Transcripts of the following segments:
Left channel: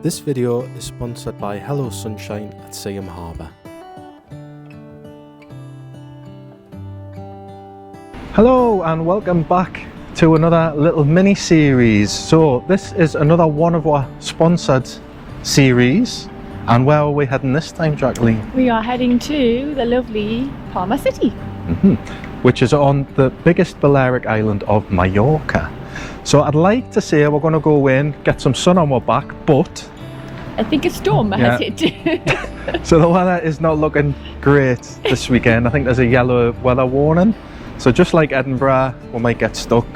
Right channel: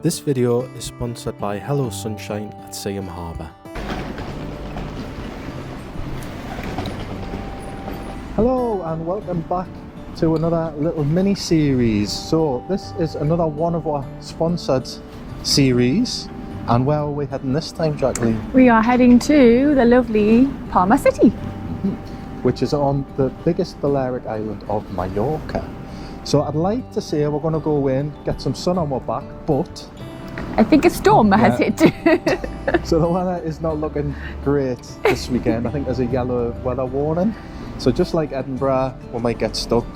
This video is sponsored by Hello Sunshine at Seaham Harbour. Hello and welcome back to another little mini series. So this is another one of our sponsored series. And where are we heading this time, Jacqueline? We are heading to the lovely Palma City. Which is on the biggest Balearic island of Majorca. So I'd like to say we're going to go in, get some sun on our back, but I think a storm has hit. So the weather is not looking great this weekend. I think there's a yellow weather warning. So just like Edinburgh, we might get stuck.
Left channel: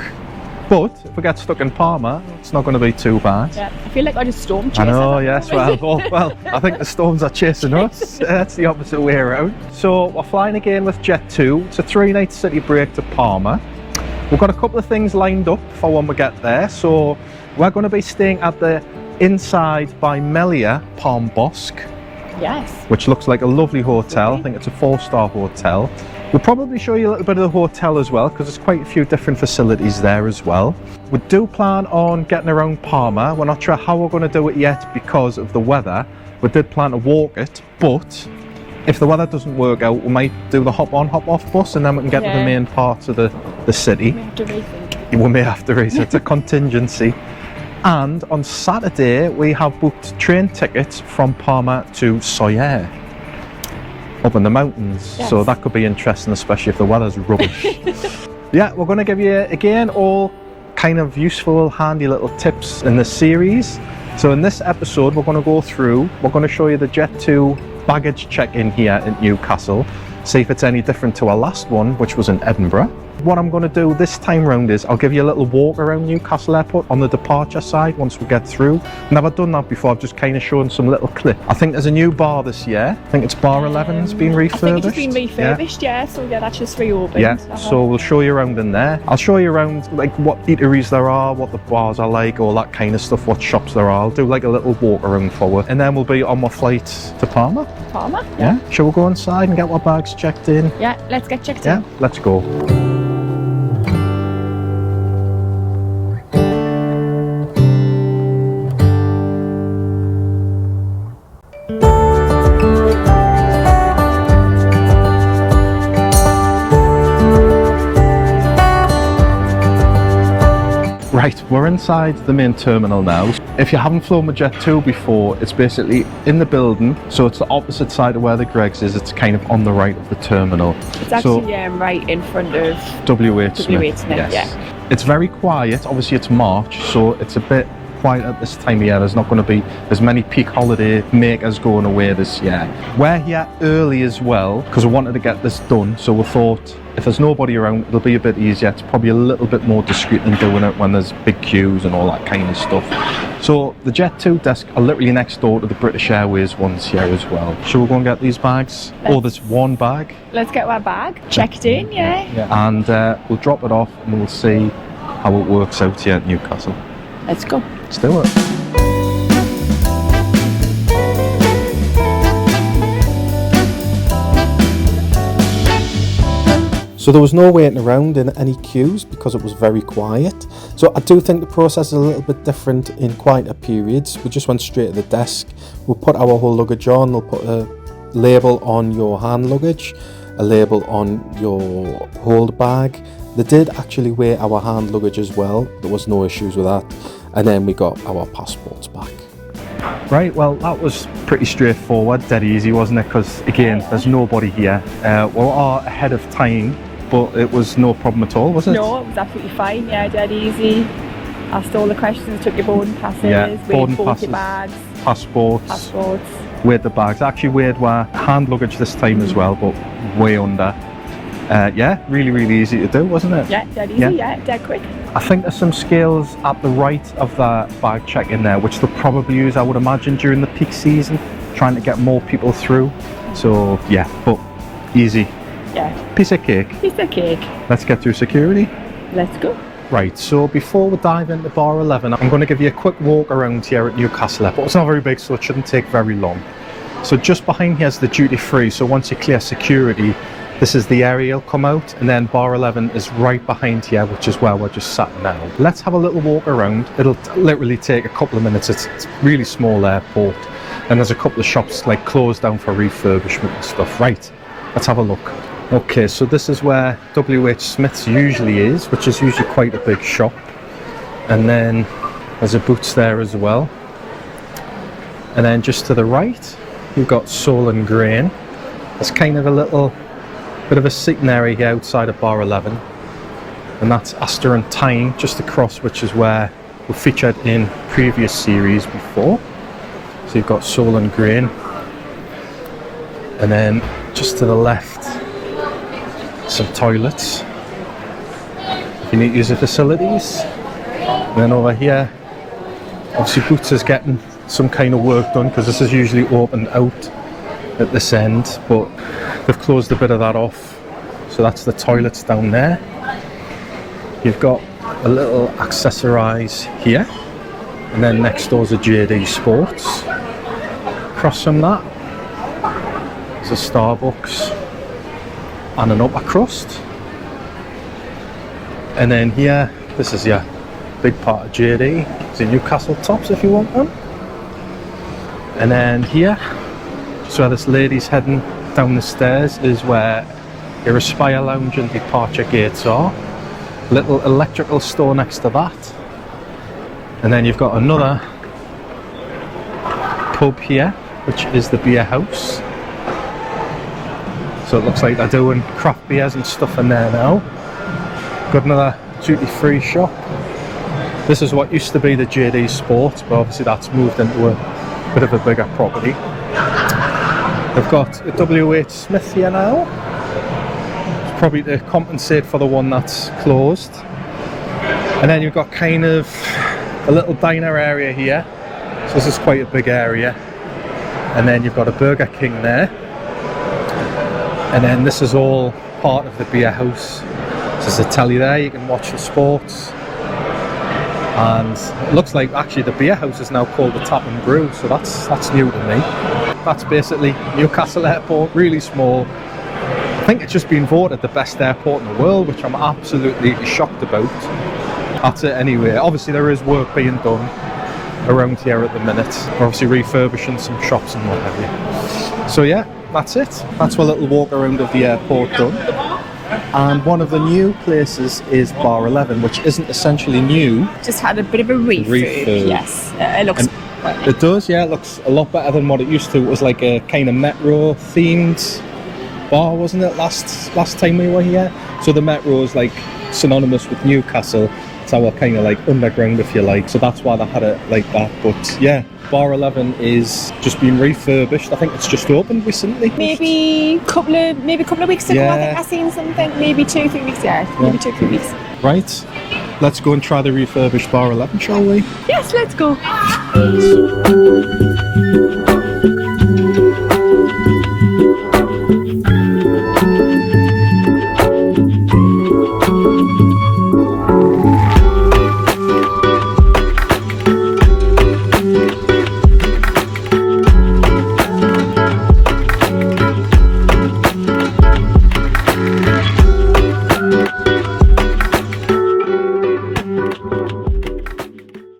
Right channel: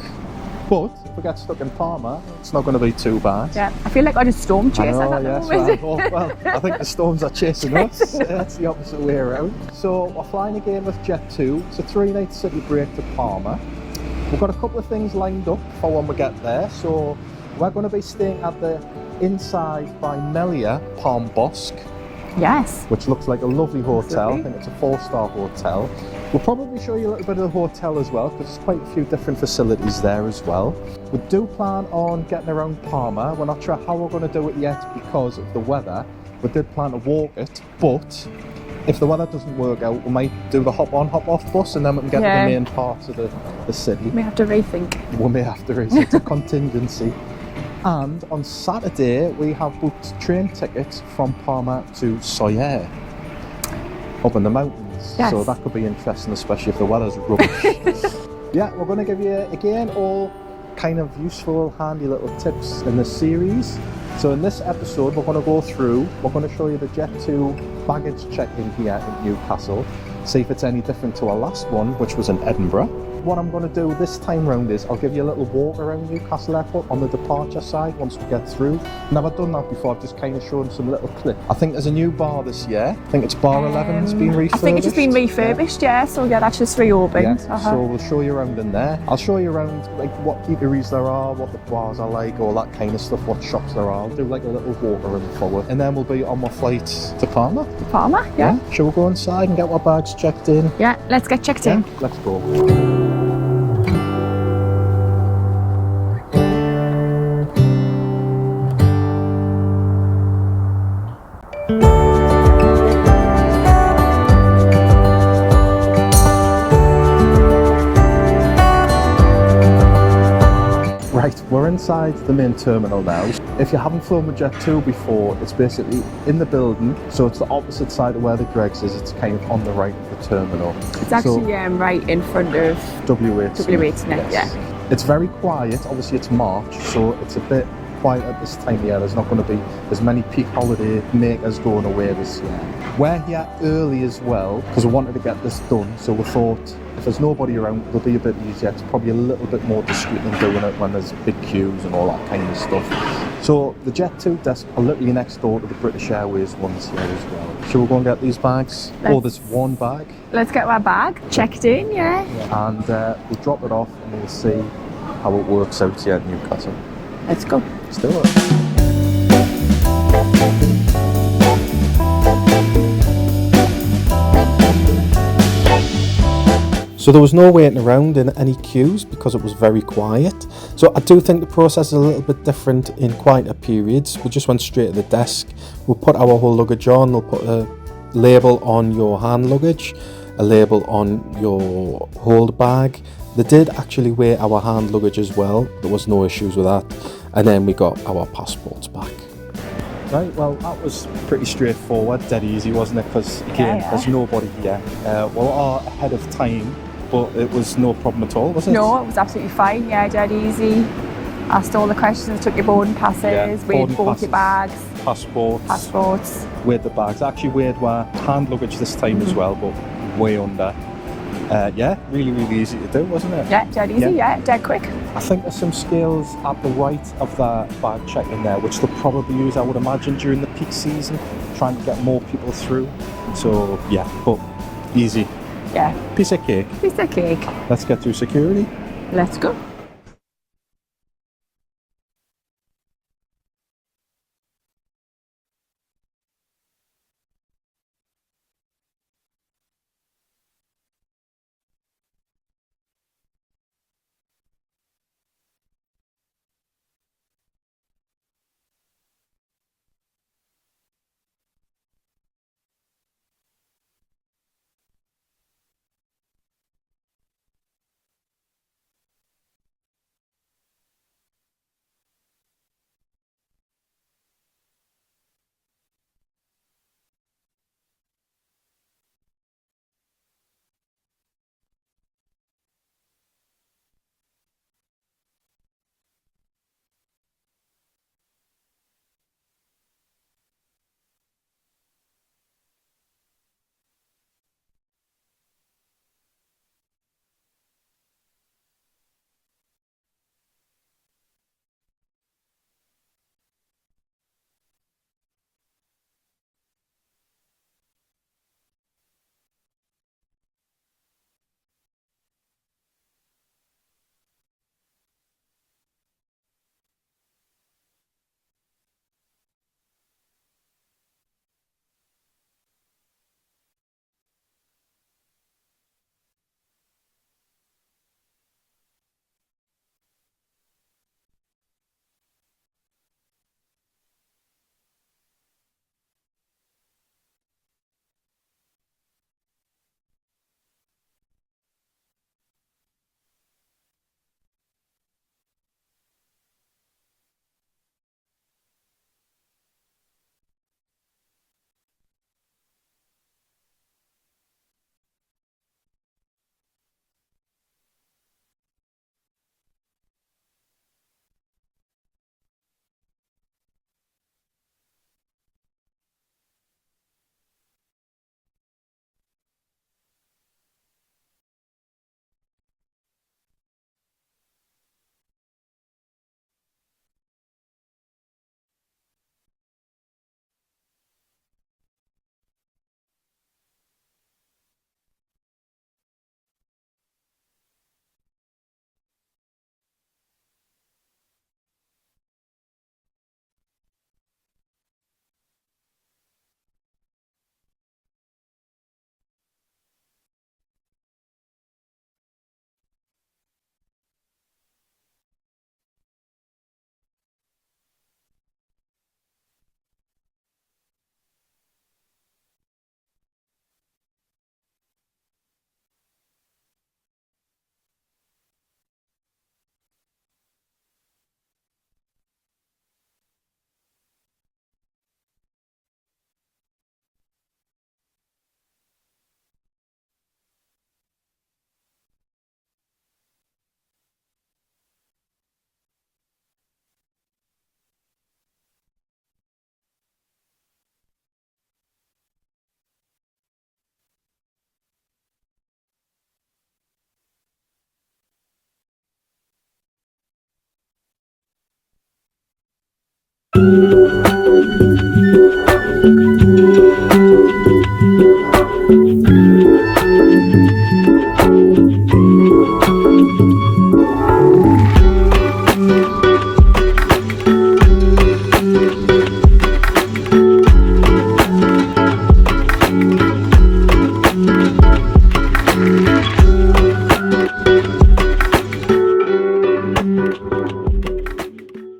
But if we get stuck in Palma, it's not going to be too bad. Yeah, I feel like I'm a storm chaser. I know, yes. Well, I think the storms are chasing us. That's the opposite way around. So we're flying again with Jet 2. It's a 3-night city break to Palma. We've got a couple of things lined up for when we get there. So we're going to be staying at the Innside by Melia Palma Bosque. Yes. Which looks like a lovely hotel. I think it's a 4-star hotel. We'll probably show you a little bit of the hotel as well, because there's quite a few different facilities there as well. We do plan on getting around Palma. We're not sure how we're going to do it yet because of the weather. We did plan to walk it, but if the weather doesn't work out, we might do the hop on, hop off bus, and then we can get to the main parts of the city. We may have to rethink. We may have to rethink. It's a contingency. And on Saturday, we have booked train tickets from Palma to Soyer, up in the mountains. Yes. So that could be interesting, especially if the weather's rubbish. Yeah, we're going to give you, again, all kind of useful, handy little tips in this series. So in this episode, we're going to go through, we're going to show you the Jet 2 baggage check-in here in Newcastle, see if it's any different to our last one, which was in Edinburgh. What I'm going to do this time round is I'll give you a little walk around Newcastle Airport on the departure side once we get through. Never done that before, I've just kind of shown some little clip. I think there's a new bar this year. I think it's bar 11's been refurbished. I think it's been refurbished, yeah. So yeah, that's just reopened. Yeah, so we'll show you around in there. I'll show you around like what eateries there are, what the bars are like, all that kind of stuff, what shops there are. I'll do like a little walk around forward, and then we'll be on my flight to Palma. Palma, yeah. Shall we go inside and get our bags checked in? Yeah, let's get checked in. Yeah, let's go. Right, we're inside the main terminal now. If you haven't flown with Jet 2 before, it's basically in the building, so it's the opposite side of where the Greggs is. It's kind of on the right of the terminal. It's actually right in front of W8 Smith. Yes. Yeah. It's very quiet. Obviously it's March, so it's a bit quiet at this time of year. There's not going to be as many peak holiday makers going away this year. We're here early as well because we wanted to get this done, so we thought if there's nobody around, it'll be a bit easier. It's probably a little bit more discreet than doing it when there's big queues and all that kind of stuff. So the Jet 2 desk are literally next door to the British Airways ones here as well. Shall we go and get these bags? There's one bag. Let's get our bag checked in, yeah. And we'll drop it off and we'll see how it works out here at Newcastle. Let's go. Let's do it. So there was no waiting around in any queues because it was very quiet. So I do think the process is a little bit different in quieter periods. We just went straight to the desk. We'll put our whole luggage on. They'll put a label on your hand luggage, a label on your hold bag. They did actually weigh our hand luggage as well. There was no issues with that. And then we got our passports back. Right, well that was pretty straightforward, dead easy, wasn't it? Because again, there's nobody here. We are ahead of time, but it was no problem at all, was it? No, it was absolutely fine, yeah, dead easy. Asked all the questions, took your boarding passes, weighed both your bags. Passports. Weighed the bags. Actually weighed our hand luggage this time as well, but way under. Yeah, really easy to do, wasn't it? Yeah, dead easy, yeah, dead quick. I think there's some scales at the right of the bag check in there, which they'll probably use, I would imagine, during the peak season, trying to get more people through. So yeah, but easy. Yeah. Piece of cake. Piece of cake. Let's get through security. Let's go. Right, so before we dive into bar 11, I'm going to give you a quick walk around here at Newcastle Airport. It's not very big, so it shouldn't take very long. So just behind here is the duty free, so once you clear security, This is the area you'll come out, and then bar 11 is right behind here, which is where we're just sat now. Let's have a little walk around. It'll literally take a couple of minutes. It's a really small airport, and there's a couple of shops like closed down for refurbishment and stuff. Right, let's have a look. Okay, so this is where WH Smith's usually is, which is usually quite a big shop. And then there's a Boots there as well. And then just to the right, you've got Soul and Grain. There's kind of a little bit of a seating area here outside of bar 11. And that's Astor and Tyne just across, which is where we featured in previous series before. So you've got Soul and Grain. And then just to the left, some toilets if you need to use the facilities. And then over here, obviously Boots is getting some kind of work done because this is usually opened out at this end, but they've closed a bit of that off. So that's the toilets down there. You've got a little accessorise here, and then next door's a JD Sports. Across from that, there's a Starbucks and an upper crust. And then here, this is your big part of JD. It's a Newcastle tops if you want one. And then here, so where this lady's heading down the stairs is where your Aspire Lounge and departure gates are. Little electrical store next to that. And then you've got another pub here, which is the Beer House. So it looks like they're doing craft beers and stuff in there now. Got another duty-free shop. This is what used to be the JD Sports, but obviously that's moved into a bit of a bigger property. They've got a WH Smith here now. It's probably to compensate for the one that's closed. And then you've got kind of a little diner area here. So this is quite a big area. And then you've got a Burger King there. And then this is all part of the Beer House. So there's a telly there, you can watch the sports. And it looks like actually the Beer House is now called the Tap and Brew, so that's new to me. That's basically Newcastle Airport, really small. I think it's just been voted the best airport in the world, which I'm absolutely shocked about. That's it anyway. Obviously there is work being done around here at the minute. We're obviously refurbishing some shops and what have you. So yeah, that's it. That's a little walk around of the airport done. And one of the new places is bar 11, which isn't essentially new. Just had a bit of a refurb. Yes, it looks. It does, yeah. It looks a lot better than what it used to. It was like a kind of metro themed bar, wasn't it? Last time we were here. So the metro is like synonymous with Newcastle. It's our kind of like underground, if you like. So that's why they had it like that. But yeah, bar 11 is just been refurbished. I think it's just opened recently. Maybe a couple of weeks ago. Yeah. I think I seen something. Maybe 2-3 weeks. Yeah, maybe 2-3 weeks. Right. Let's go and try the refurbished bar 11, shall we? Yes, let's go.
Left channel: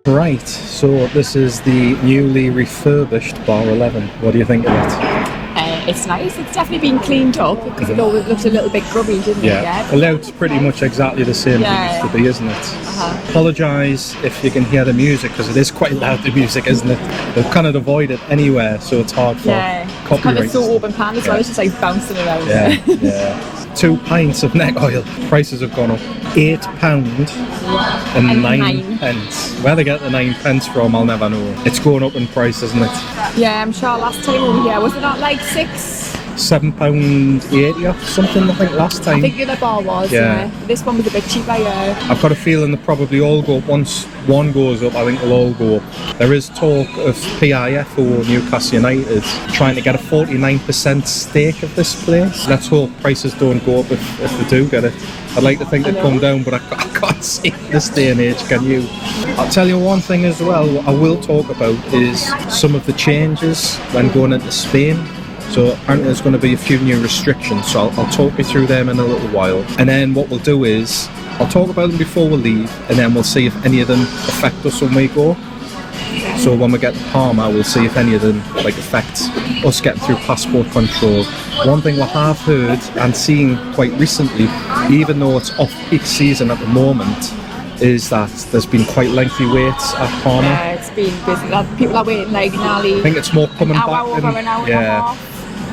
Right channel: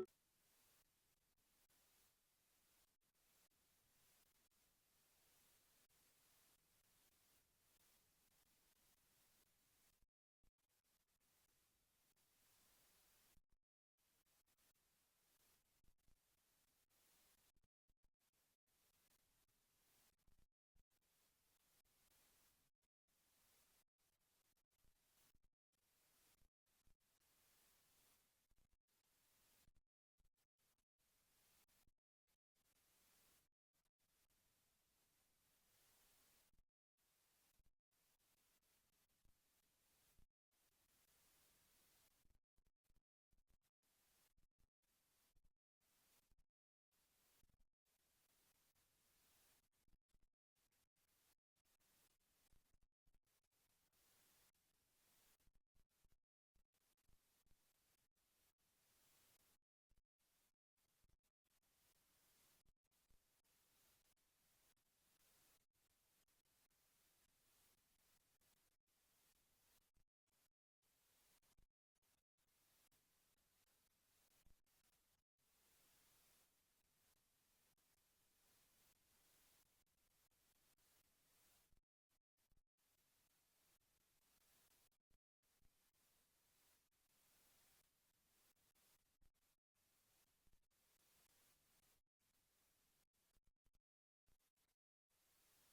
Right, so this is the newly refurbished bar 11. What do you think of it? It's nice. It's definitely been cleaned up because it always looked a little bit grubby, didn't it? Yeah. The layout's pretty much exactly the same as it used to be, isn't it? Apologise if you can hear the music because it is quite loud, the music, isn't it? They've kind of avoided anywhere, so it's hard for copyright. It's kind of so open plan as well. It's just like bouncing around. Yeah. 2 pints of neck oil. Prices have gone up. £8 and 9 pence. Where they get the 9 pence from, I'll never know. It's going up in price, isn't it? Yeah, I'm sure last time over here, was it not like £7.80 or something, I think, last time. I think the other bar was, yeah. This one was a bit cheaper, yeah. I've got a feeling they probably all go up. Once one goes up, I think they'll all go up. There is talk of PIF or Newcastle United trying to get a 49% stake of this place. Let's hope prices don't go up if they do get it. I'd like to think they'd come down, but I can't see it this day and age, can you? I'll tell you one thing as well, what I will talk about is some of the changes when going into Spain. So apparently there's going to be a few new restrictions, so I'll talk you through them in a little while. And then what we'll do is, I'll talk about them before we leave, and then we'll see if any of them affect us when we go. So when we get to Palma, we'll see if any of them like affect us getting through passport control. One thing we have heard and seen quite recently, even though it's off-peak season at the moment, is that there's been quite lengthy waits at Palma. Yeah, it's been busy. People are waiting like nearly I think it's more coming an back. hour over an hour and a half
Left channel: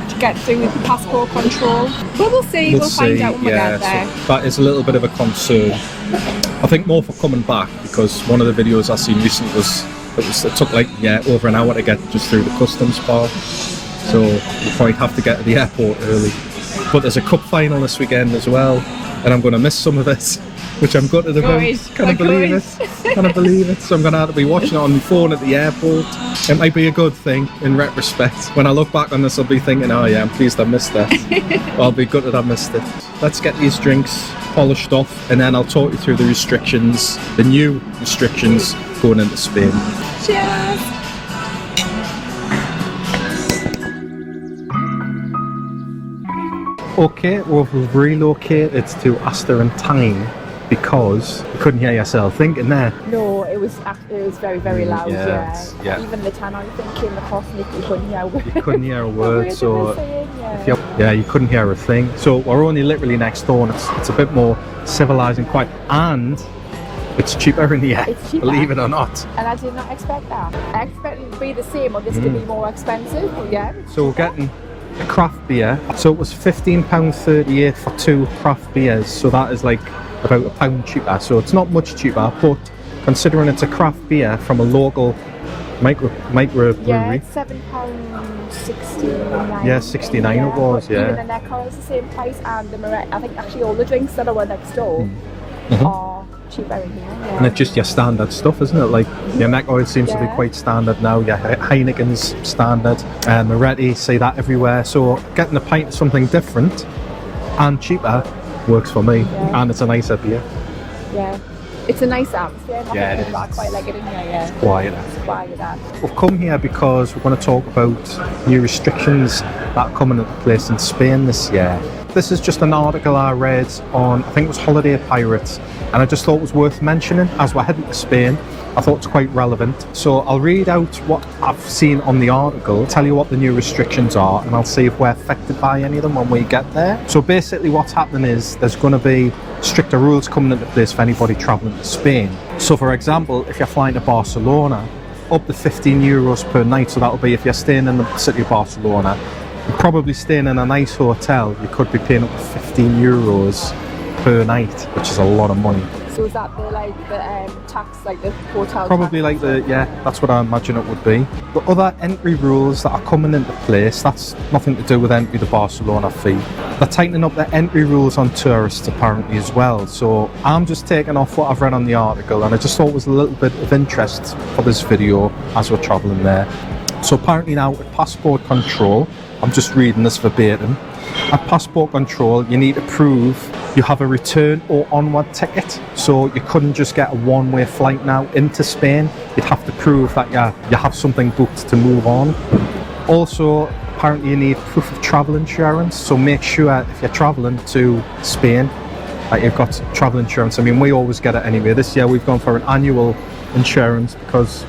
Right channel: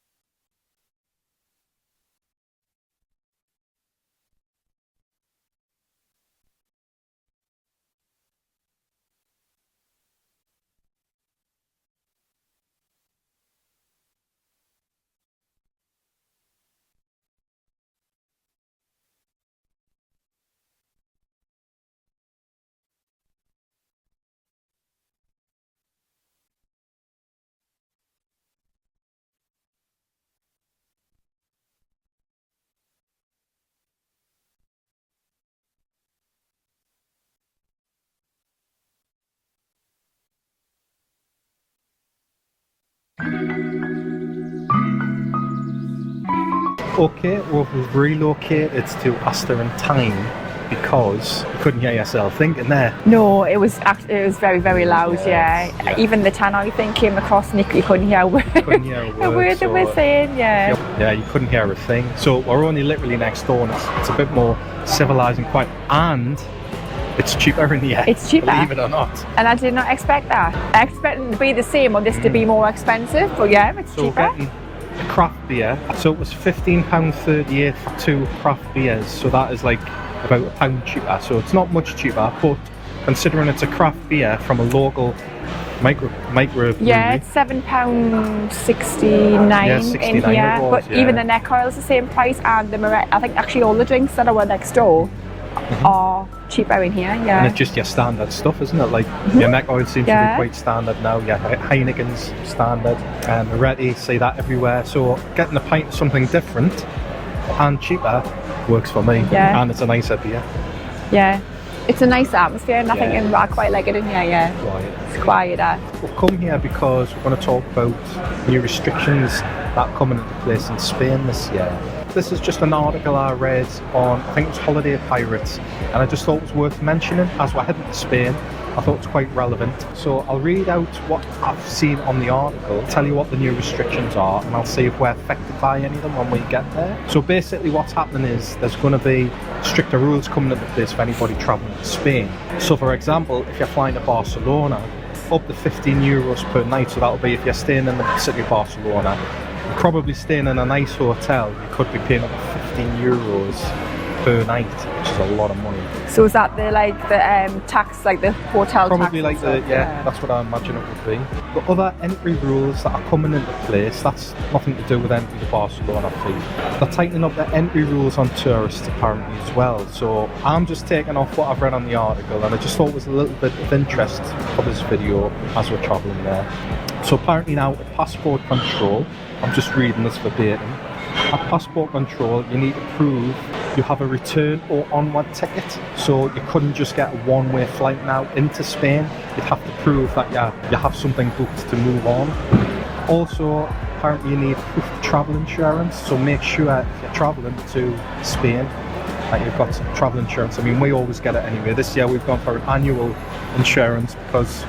to get through with passport control. But we'll see. We'll find out when we get there. So that is a little bit of a concern. I think more for coming back, because one of the videos I seen recently was it took like over an hour to get just through the customs part. So you probably have to get to the airport early. But there's a cup final this weekend as well, and I'm going to miss some of it, which I'm gutted about. Can I believe it? Can I believe it? So I'm going to have to be watching it on my phone at the airport. It might be a good thing in retrospect. When I look back on this, I'll be thinking, oh yeah, I'm pleased I missed that. I'll be gutted I missed it. Let's get these drinks polished off, and then I'll talk you through the restrictions, the new restrictions going into Spain. Cheers! Okay, we've relocated to Tyne because you couldn't hear yourself thinking there. No, it was very, very loud. Yeah. Even the tannoy thing came across, Nick. You couldn't hear a word. Couldn't hear a word. The word they were saying, Yeah, you couldn't hear a thing. So we're only literally next door, and it's a bit more civilised and quiet, and it's cheaper in here. It's cheaper, believe it or not. And I did not expect that. I expected it to be the same or this to be more expensive, but yeah, it's so cheaper. We're getting a craft beer. So it was £15.38 for 2 craft beers. So that is like about £1 cheaper. So it's not much cheaper, but considering it's a craft beer from a local micro yeah, it's £7.69. Yeah, 69 in here, it was. But even the neck oil is the same price, and the I think actually all the drinks that are next door are cheaper in here. Yeah. And it's just your standard stuff, isn't it? Like your neck oil seems to be quite standard now. Your Heineken's standard, and Moretti, see that everywhere. So getting a pint of something different and cheaper works for me. Yeah. And it's a nicer beer. Yeah. It's a nice atmosphere, and I think I quite like it in here, yeah. Quieter. It's quieter. We've come here because we're going to talk about new restrictions that are coming into place in Spain this year. This is just an article I read on, I think it was Holiday Pirates, and I just thought it was worth mentioning as we're heading to Spain. I thought it's quite relevant. So I'll read out what I've seen on the article, tell you what the new restrictions are, and I'll see if we're affected by any of them when we get there. So basically what's happening is there's going to be stricter rules coming into place for anybody travelling to Spain. So for example, if you're flying to Barcelona, up to €15 per night, so that'll be if you're staying in the city of Barcelona, you're probably staying in a nice hotel, you could be paying up to €15 per night, which is a lot of money. So is that the tax, like the hotel Probably tax? like that's what I imagine it would be. The other entry rules that are coming into place, that's nothing to do with entry to Barcelona fee. They're tightening up the entry rules on tourists apparently as well. So I'm just taking off what I've read on the article, and I just thought it was a little bit of interest for this video as we're travelling there. So apparently now at passport control, I'm just reading this verbatim. At passport control, you need to prove you have a return or onward ticket. So you couldn't just get a one-way flight now into Spain. You'd have to prove that you have something booked to move on. Also, apparently you need proof of travel insurance. So make sure if you're traveling to Spain that you've got travel insurance. I mean, we always get it anyway. This year we've gone for an annual insurance because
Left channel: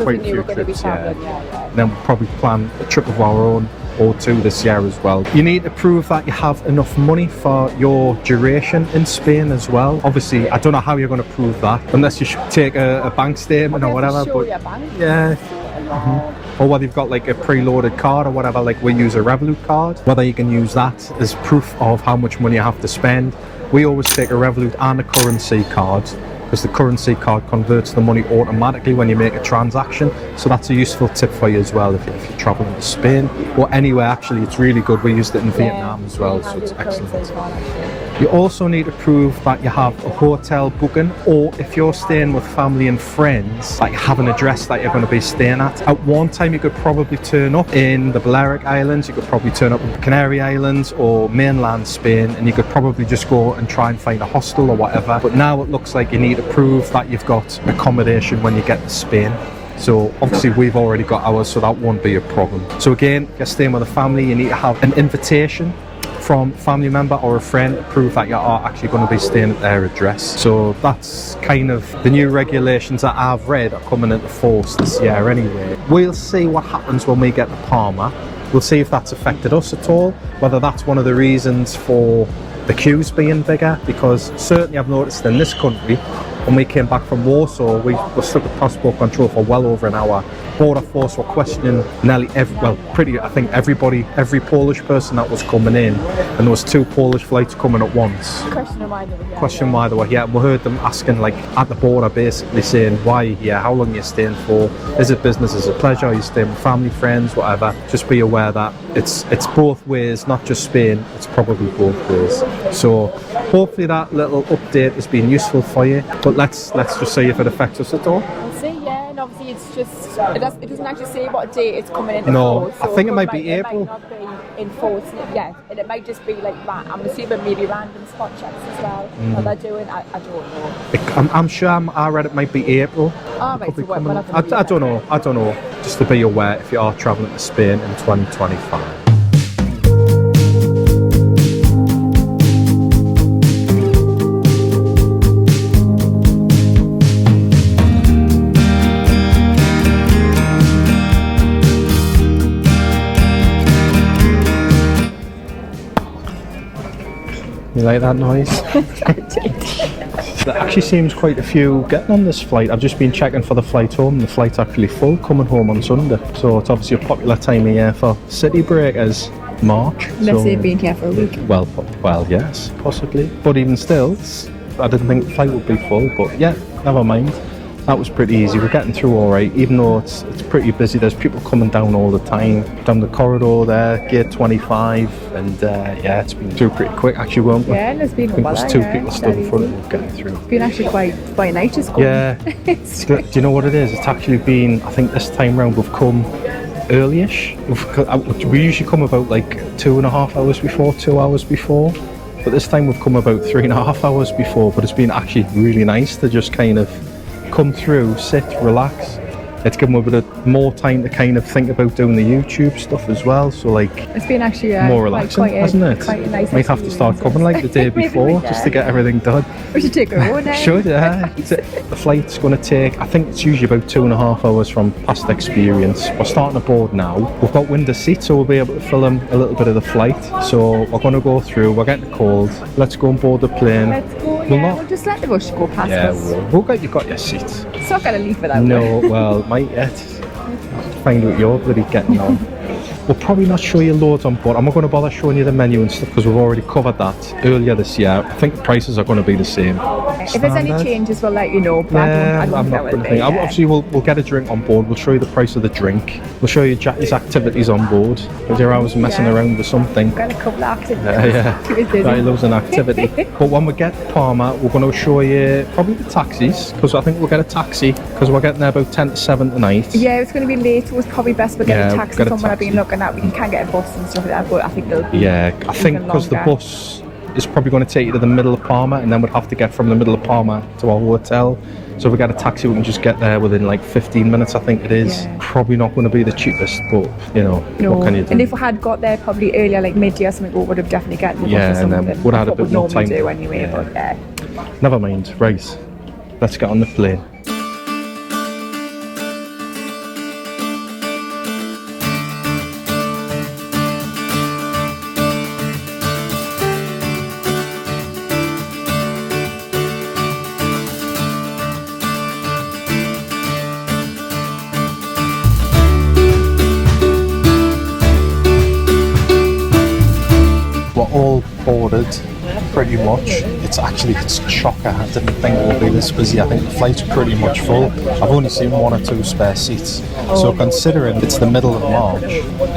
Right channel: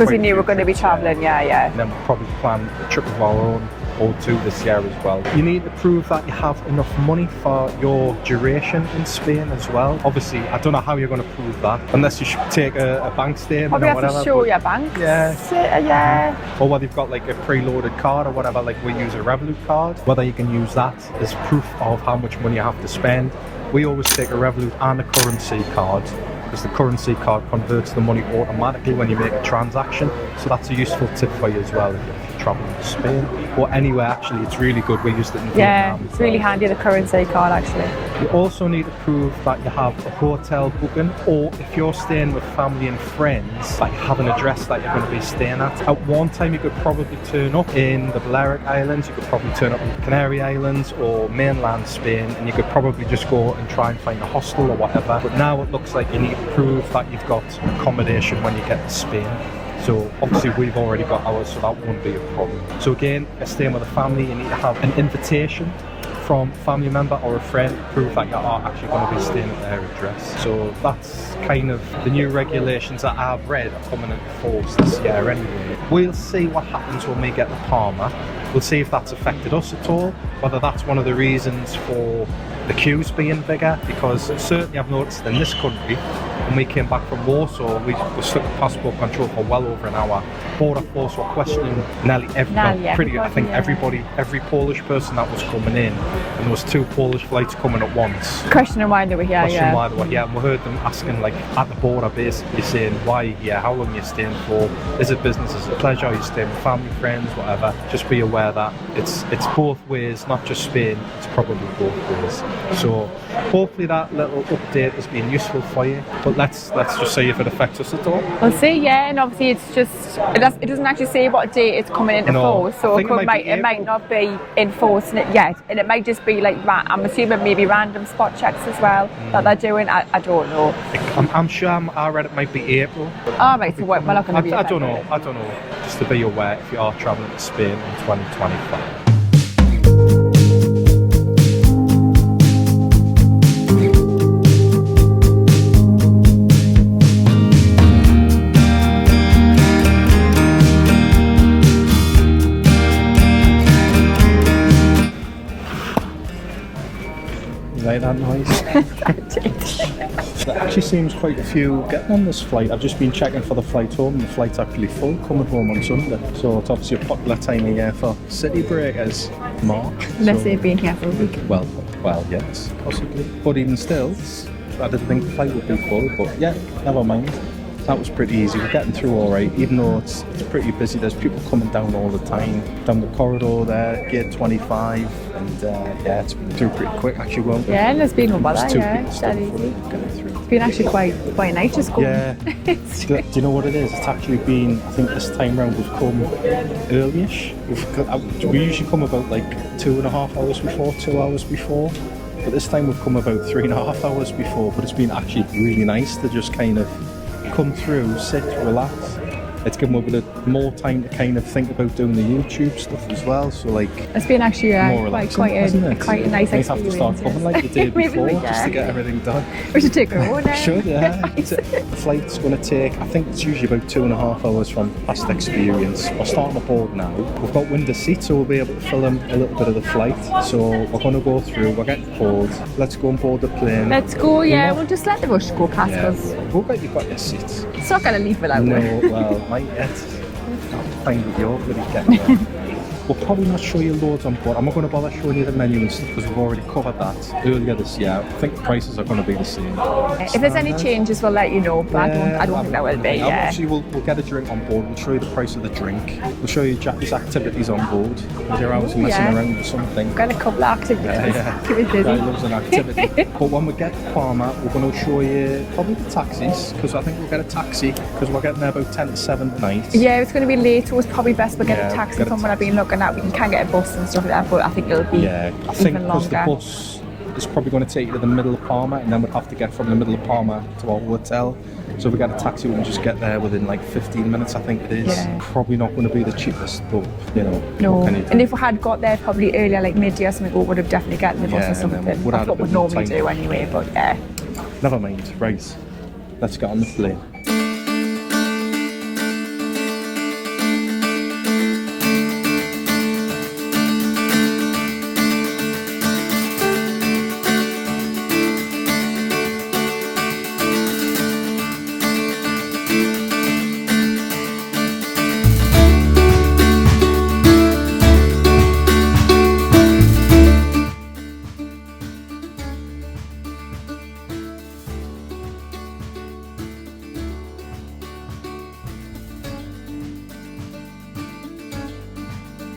we knew we were going to be travelling, yeah. And then we'll probably plan a trip of our own or two this year as well. You need to prove that you have enough money for your duration in Spain as well. Obviously, I don't know how you're going to prove that, unless you should take a bank statement or whatever. Have to show your bank. Yeah. Or whether you've got like a preloaded card or whatever, like we use a Revolut card, whether you can use that as proof of how much money you have to spend. We always take a Revolut and a currency card, because the currency card converts the money automatically when you make a transaction. So that's a useful tip for you as well if you're travelling to Spain or anywhere. Actually, it's really good. We used it in Vietnam as well. Really handy, the currency card actually. You also need to prove that you have a hotel booking, or if you're staying with family and friends, that you have an address that you're going to be staying at. At one time you could probably turn up in the Balearic Islands, you could probably turn up in the Canary Islands or mainland Spain, and you could probably just go and try and find a hostel or whatever. But now it looks like you need to prove that you've got accommodation when you get to Spain. So obviously we've already got ours, so that won't be a problem. So again, if you're staying with a family, you need to have an invitation from a family member or a friend to prove that you are actually going to be staying at their address. So that's kind of the new regulations that I've read are coming into force this year anyway. We'll see what happens when we get to Palma. We'll see if that's affected us at all, whether that's one of the reasons for the queues being bigger, because certainly I've noticed in this country, when we came back from Warsaw, we were stuck at passport control for well over an hour. Border force were questioning nearly I think every Polish person that was coming in, and there was 2 Polish flights coming at once. Questioning why they were here. Why they were here, and we heard them asking, like, at the border, basically saying, why are you here, how long are you staying for, is it business, is it pleasure, are you staying with family, friends, whatever. Just be aware that it's both ways, not just Spain, it's probably both ways. So hopefully that little update has been useful for you, but let's just see if it affects us at all. We'll see, yeah, and obviously it's just, it doesn't actually say what date it's coming into force, so I think it might not be enforcing it yet, and it might just be like, I'm assuming maybe random spot checks as well that they're doing. I don't know. I'm sure I read it might be April. Oh, right, so we're not going to be I don't know. Just to be aware if you are travelling to Spain in 2025. You like that noise? There actually seems quite a few getting on this flight. I've just been checking for the flight home. The flight's actually full coming home on Sunday. So it's obviously a popular time of year for city breakers, March. Unless they've been here for a week. Well, yes, possibly. But even still, I didn't think the flight would be full. But yeah, never mind. That was pretty easy. We're getting through all right, even though it's pretty busy. There's people coming down all the time, down the corridor there, gate 25, and yeah, it's been through pretty quick. Actually, won't we? Yeah, there's been no bother. Two people stood in front of it, getting through. It's been actually quite nice just going. Yeah. Do you know what it is? It's actually been, I think this time round we've come early-ish. We usually come about like 2.5 hours before, 2 hours before. But this time we've come about 3.5 hours before. But it's been actually really nice to just kind of come through, sit, relax. It's given me a bit of more time to kind of think about doing the YouTube stuff as well. So like, it's been actually more relaxing, hasn't it? Quite a nice experience. Might have to start coming like the day before just to get everything done. We should take our own. Should, yeah. The flight's going to take, I think it's usually about 2.5 hours from past experience. We're starting aboard now. We've got window seats, so we'll be able to film a little bit of the flight. So we're going to go through, we're getting cold. Let's go and board the plane. Let's go, yeah. We'll just let the rush go past us. You got your seat. It's not going to leave without No, well, might yet. I'll have to find out you're bloody getting on. We'll probably not show you loads on board. I'm not going to bother showing you the menu and stuff because we've already covered that earlier this year. I think the prices are going to be the same. If there's any changes, we'll let you know, but I don't think that will be. Obviously, we'll get a drink on board. We'll show you the price of the drink. We'll show you Jackie's activities on board. We'll do hours messing around with something. Got a couple of activities. Yeah. Jackie loves an activity. But when we get to Palma, we're going to show you probably the taxis, because I think we'll get a taxi because we're getting there about 10 to 7 tonight. Yeah, it's going to be late, so it's probably best we get a taxi from what I've been looking at. You can get a bus and stuff like that, but I think it'll be I think because the bus is probably going to take you to the middle of Palma, and then we'd have to get from the middle of Palma to our hotel. So if we get a taxi, we can just get there within like 15 minutes, I think it is. Yeah. Probably not going to be the cheapest, but you know, no. What can you do? And if we had got there probably earlier, like mid-year or something, we would have definitely gotten the bus or something. That's what we'd normally do anyway, but yeah. Never mind, right. Let's get on the plane. Pretty much. It's chocker. I didn't think it would be this busy. I think the flight's pretty much full. I've only seen 1 or 2 spare seats. So considering it's the middle of March,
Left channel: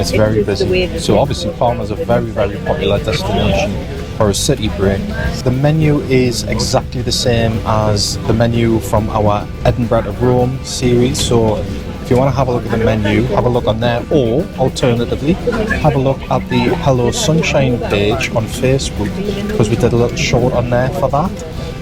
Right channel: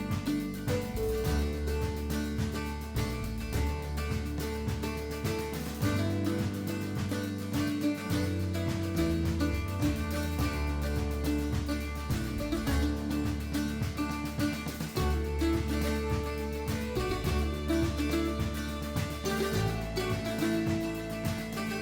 it's very busy. So obviously Palma's a very, very popular destination for a city break. The menu is exactly the same as the menu from our Edinburgh to Rome series. So if you want to have a look at the menu, have a look on there, or alternatively, have a look at the Hello Sunshine page on Facebook, because we did a little short on there for that.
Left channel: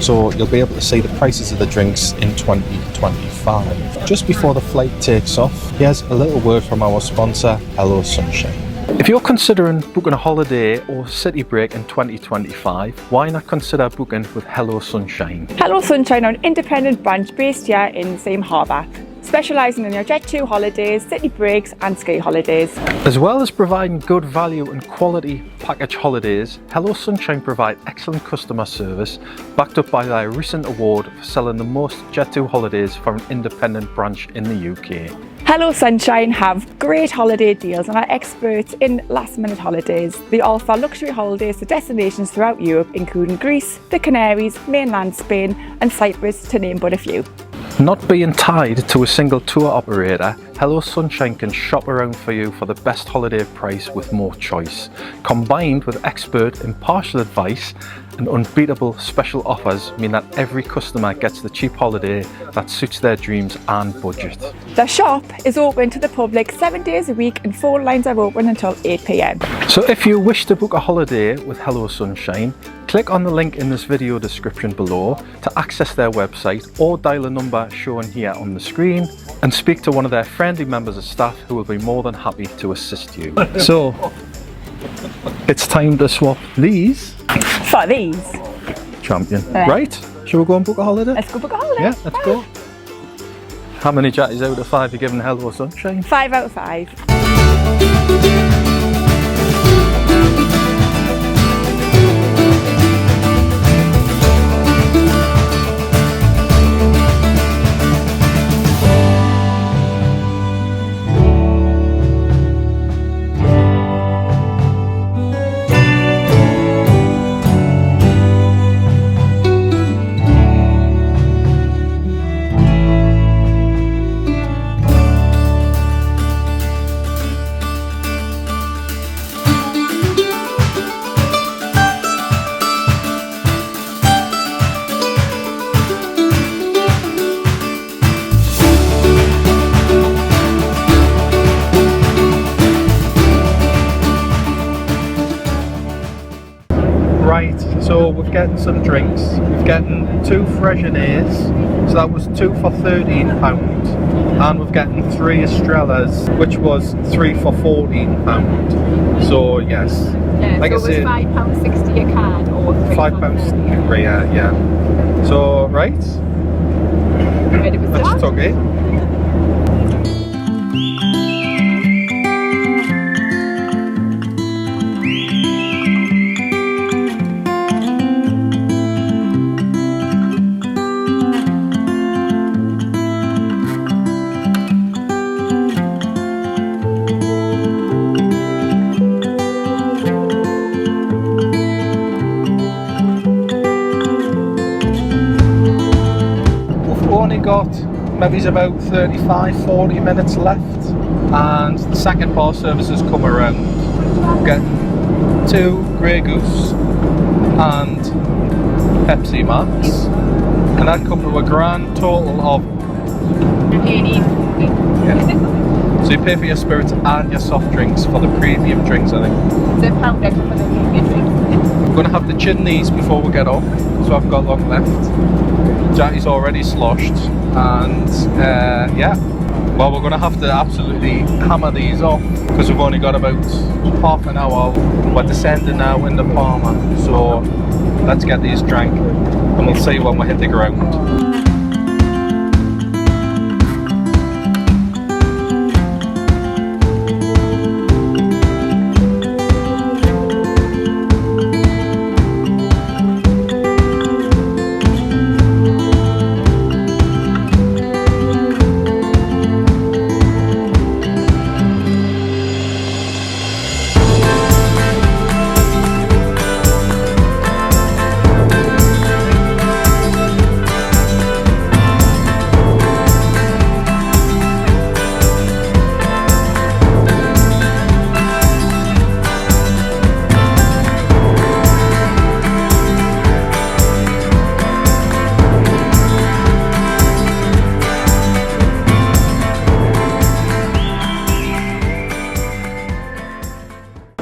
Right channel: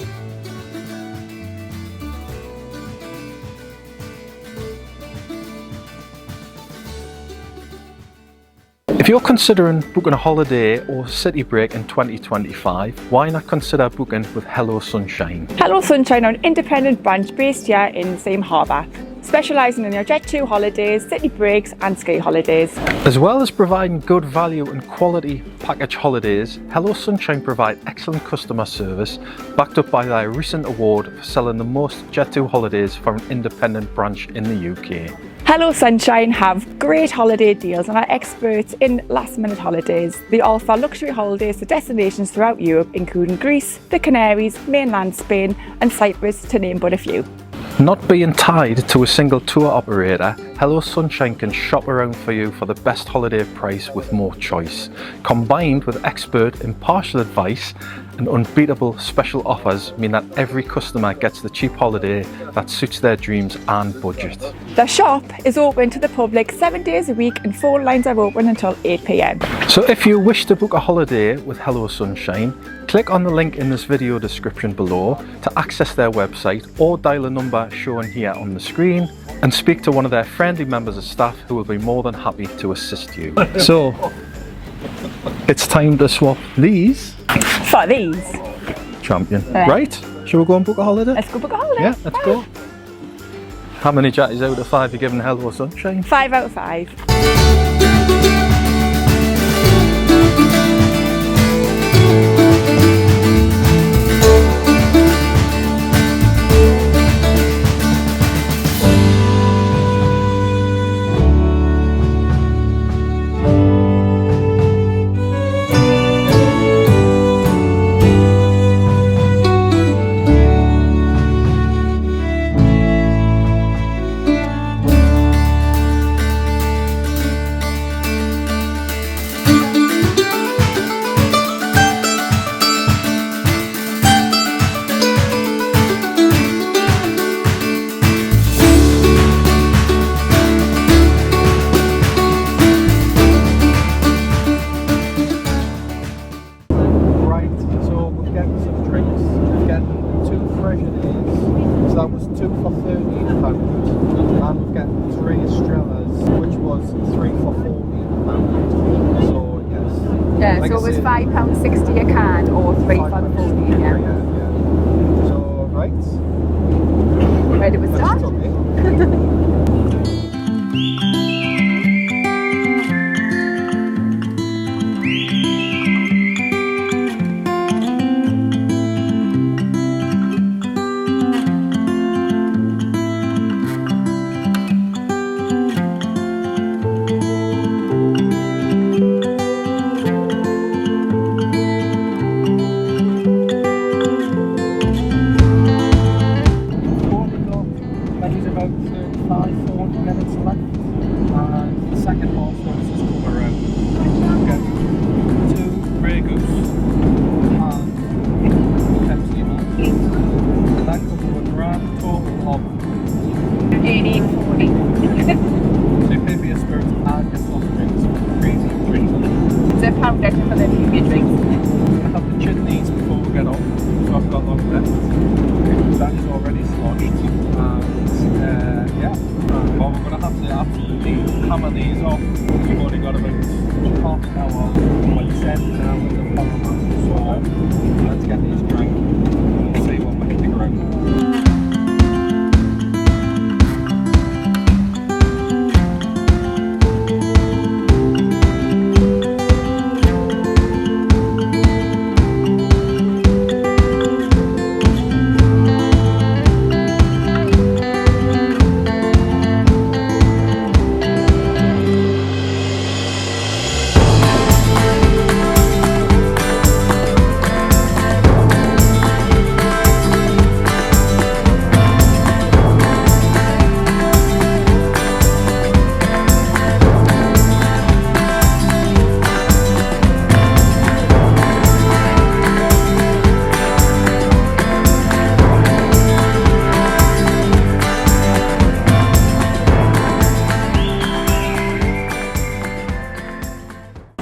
So you'll be able to see the prices of the drinks in 2024. 5. Just before the flight takes off, here's a little word from our sponsor, Hello Sunshine. If you're considering booking a holiday or city break in 2025, why not consider booking with Hello Sunshine? Hello Sunshine are an independent branch based here in the same harbour, specialising in your Jet 2 holidays, city breaks and ski holidays. As well as providing good value and quality package holidays, Hello Sunshine provide excellent customer service, backed up by their recent award for selling the most Jet 2 holidays for an independent branch in the UK. Hello Sunshine have great holiday deals and are experts in last minute holidays. They offer luxury holidays to destinations throughout Europe, including Greece, the Canaries, mainland Spain and Cyprus, to name but a few. Not being tied to a single tour operator, Hello Sunshine can shop around for you for the best holiday price with more choice. Combined with expert impartial advice and unbeatable special offers mean that every customer gets the cheap holiday that suits their dreams and budget. The shop is open to the public 7 days a week and phone lines are open until 8 p.m. So if you wish to book a holiday with Hello Sunshine, click on the link in this video description below to access their website or dial a number shown here on the screen and speak to one of their friendly members of staff who will be more than happy to assist you. So it's time to swap these For these. champion. Right? Shall we go and book a holiday? Let's go book a holiday. Yeah, let's go. How many Jatties out of 5 are you giving Hello Sunshine? 5 out of 5. So we're getting some drinks, we're getting 2 Freshenays, so that was 2 for £13, and we're getting 3 Estrellas, which was 3 for £14. So yes. Yeah, like so it was £5.60 a can or £3 for £14. Yeah. So right. Ready to start? Let's talk it. Maybe about 35-40 minutes left and the second bar services come around. We'll get 2 Grey Goose and Pepsi Max, and that comes to a grand total of 18.40. Yeah. So you pay for your spirits and your soft drinks for the premium drinks in it. It's £1 extra for the premium drinks. I'm going to have to chin these before we get off, so I've got long left. Jackie's already sloshed, and yeah, well, we're going to have to absolutely hammer these off because we've only got about half an hour. We're descending now into Palma, so let's get these drank and we'll see when we hit the ground.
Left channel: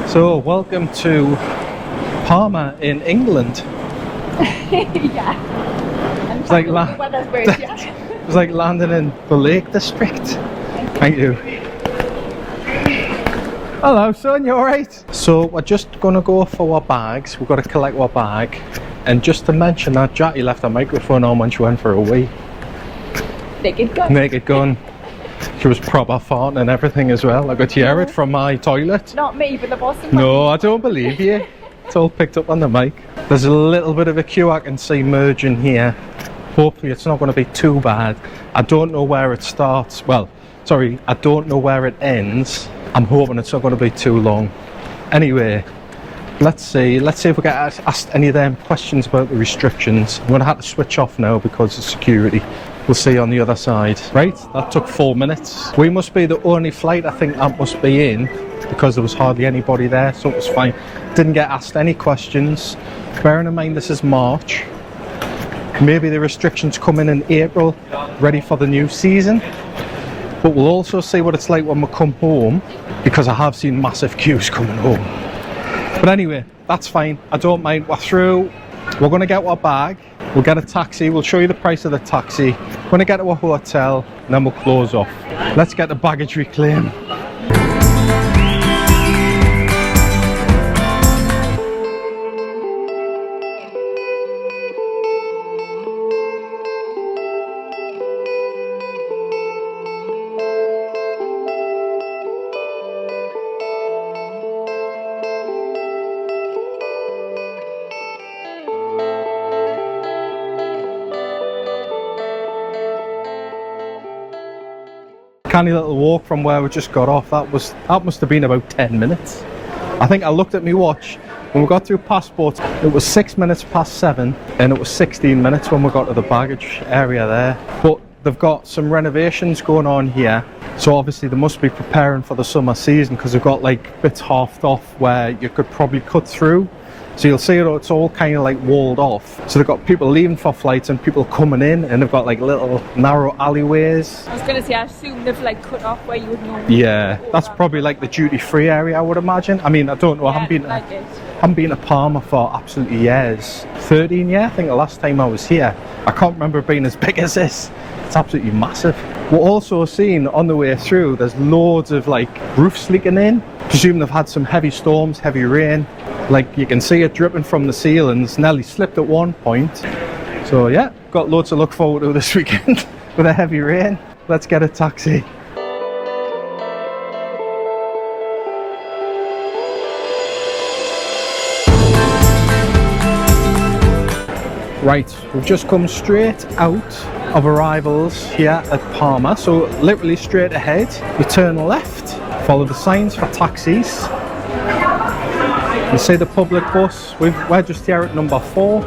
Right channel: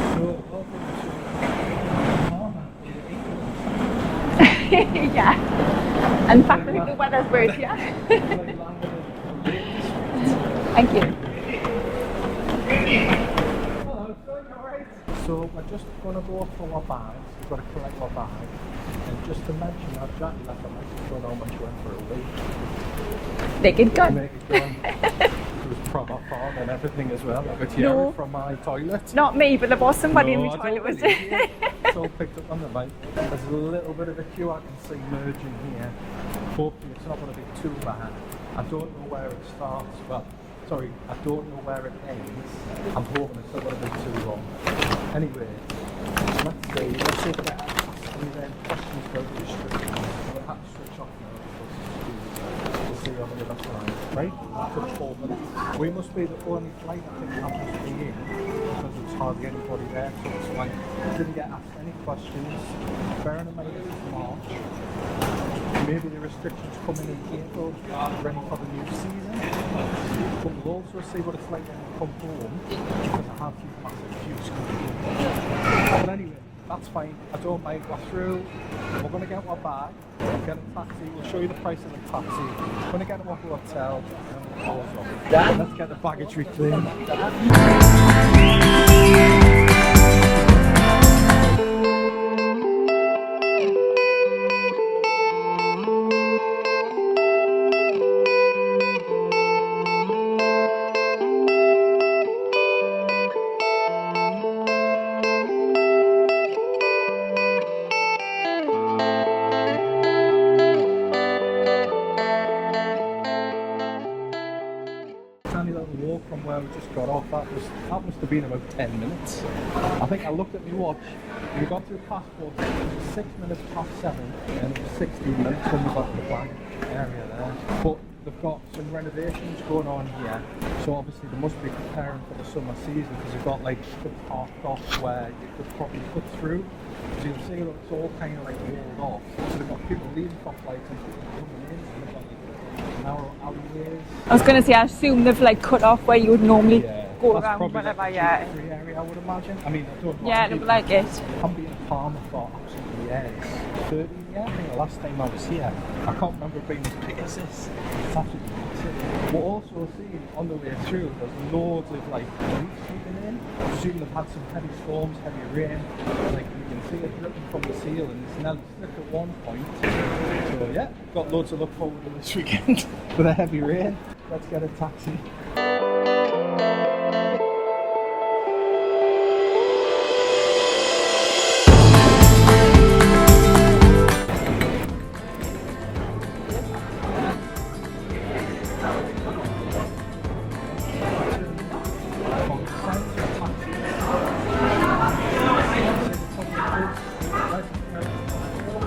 So, welcome to Palma in England. Yeah. And It's like, weather's great, yeah. it's like landing in the Lake District. Thank you. Thank you. Hello son, you alright? So we're just gonna go for our bags. We've got to collect our bag. And just to mention that Jackie left her microphone on when she went for a wee. Naked gun. Naked gun. She was proper farting and everything as well. I got to hear it from my toilet. Not me, but there was someone. No, I don't believe you. It's all picked up on the mic. There's a little bit of a queue I can see merging here. Hopefully it's not going to be too bad. I don't know where it starts. Well, sorry, I don't know where it ends. I'm hoping it's not going to be too long. Anyway, let's see if we get asked any of them questions about the restrictions. I'm going to have to switch off now because of security. We'll see on the other side. Right, that took 4 minutes. We must be the only flight I think that must be in because there was hardly anybody there, so it was fine. Didn't get asked any questions. Bearing in mind this is March. Maybe the restrictions come in April, ready for the new season. But we'll also see what it's like when we come home, because I have seen massive queues coming home. But anyway, that's fine. I don't mind. We're through. We're going to get our bag. We'll get a taxi. We'll show you the price of the taxi. We're going to get to a hotel, and then we'll close off. Let's get the baggage reclaim. Canny little walk from where we just got off. That must have been about 10 minutes. I think I looked at my watch when we got through passports. It was 6 minutes past 7, and it was 16 minutes when we got to the baggage area there. But they've got some renovations going on here, so obviously they must be preparing for the summer season, because they've got like bits halved off where you could probably cut through. So you'll see it's all kind of like walled off. So they've got people leaving for flights and people coming in, and they've got like little narrow alleyways. I was going to say, I assume they've like cut off where you would normally. Yeah, that's probably like the duty-free area, I would imagine. I mean, I don't know. Yeah, I haven't been to Palma for absolutely years. 13 years, I think the last time I was here. I can't remember it being as big as this. It's absolutely massive. We're also seeing on the way through, there's loads of like roofs leaking in. Presume they've had some heavy storms, heavy rain. Like you can see it dripping from the ceilings. Nearly slipped at one point. So yeah, got loads to look forward to this weekend with a heavy rain. Let's get a taxi. Right, we've just come straight out of arrivals here at Palma, so literally straight ahead. You turn left, follow the signs for taxis. You see the public bus. We're just here at number 4.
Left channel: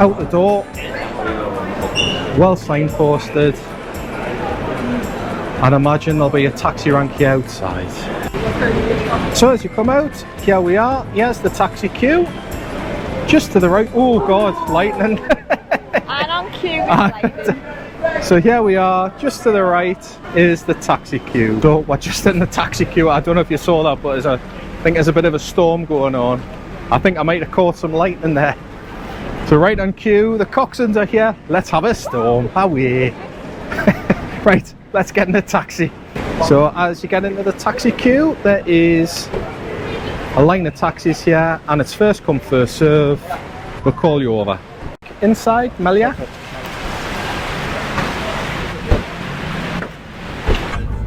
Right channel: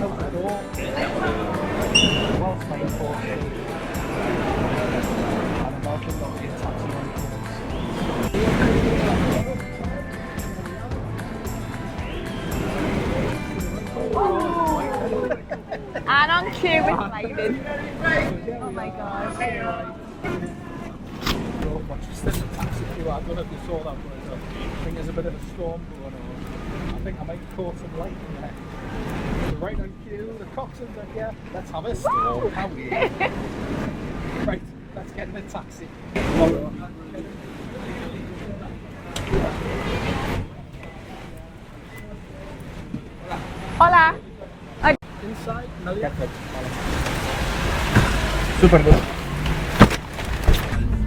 Out the door, well signposted. I'd imagine there'll be a taxi rank here outside. So as you come out, here we are. Here's the taxi queue. Just to the right. Oh God, lightning. And on queue with lightning. So here we are, just to the right is the taxi queue. So we're just in the taxi queue. I don't know if you saw that, but I think there's a bit of a storm going on. I think I might have caught some lightning there. So right on queue, the coxswains are here. Let's have a storm. Away. Right, let's get in the taxi. So as you get into the taxi queue, there is a line of taxis here, and it's first come, first serve. We'll call you over. Inside, Melia. Super good.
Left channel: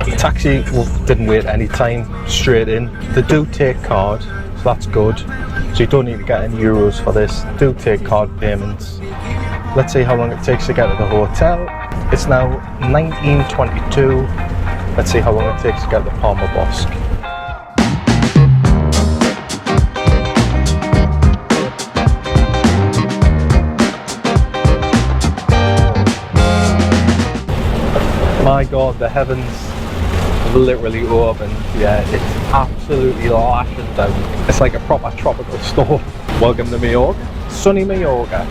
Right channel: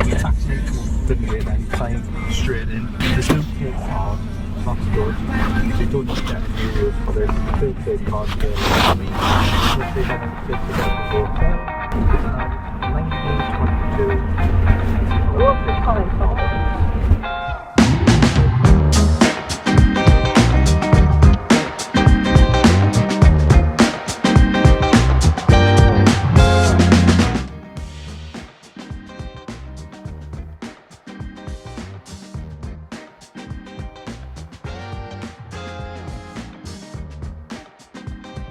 The taxi didn't wait any time, straight in. They do take card, so that's good. So you don't need to get any euros for this. They do take card payments. Let's see how long it takes to get to the hotel. It's now 19:22. Let's see how long it takes to get to Palma Bosque. My God, the heavens have literally opened. Yeah, it's absolutely lashing down. It's like a proper tropical storm. Welcome to Majorca, sunny Majorca.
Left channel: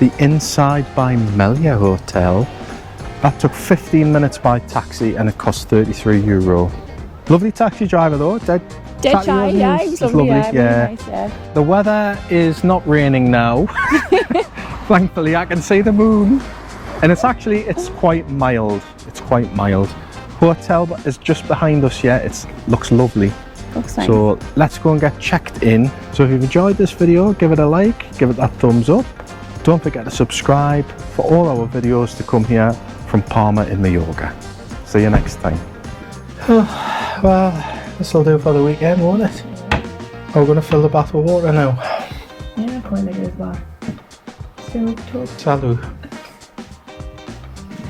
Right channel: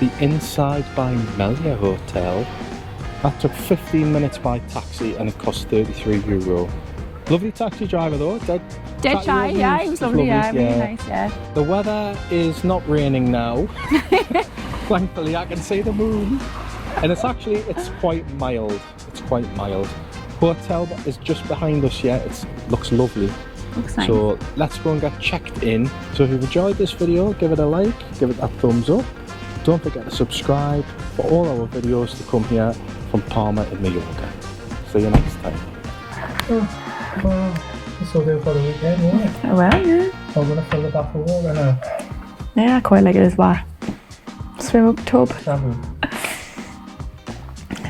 the Innside by Melia Hotel. That took 15 minutes by taxi and it cost €33. Lovely taxi driver though, dead shy, yeah, it was lovely, yeah, really nice, yeah. The weather is not raining now. Thankfully I can see the moon. And it's quite mild. It's quite mild. Hotel is just behind us, yeah, it looks lovely. Looks nice. So let's go and get checked in. So if you've enjoyed this video, give it a like, give it that thumbs up. Don't forget to subscribe for all our videos to come here from Palma in Majorca. See you next time. Oh, well, this will do for the weekend, won't it? Oh well, yeah. We're going to fill the bath with water now. Yeah, I quite like it as well. Swim up tub. Salud.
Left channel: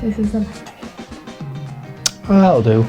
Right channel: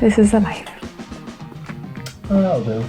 This is the life. Well, that'll do.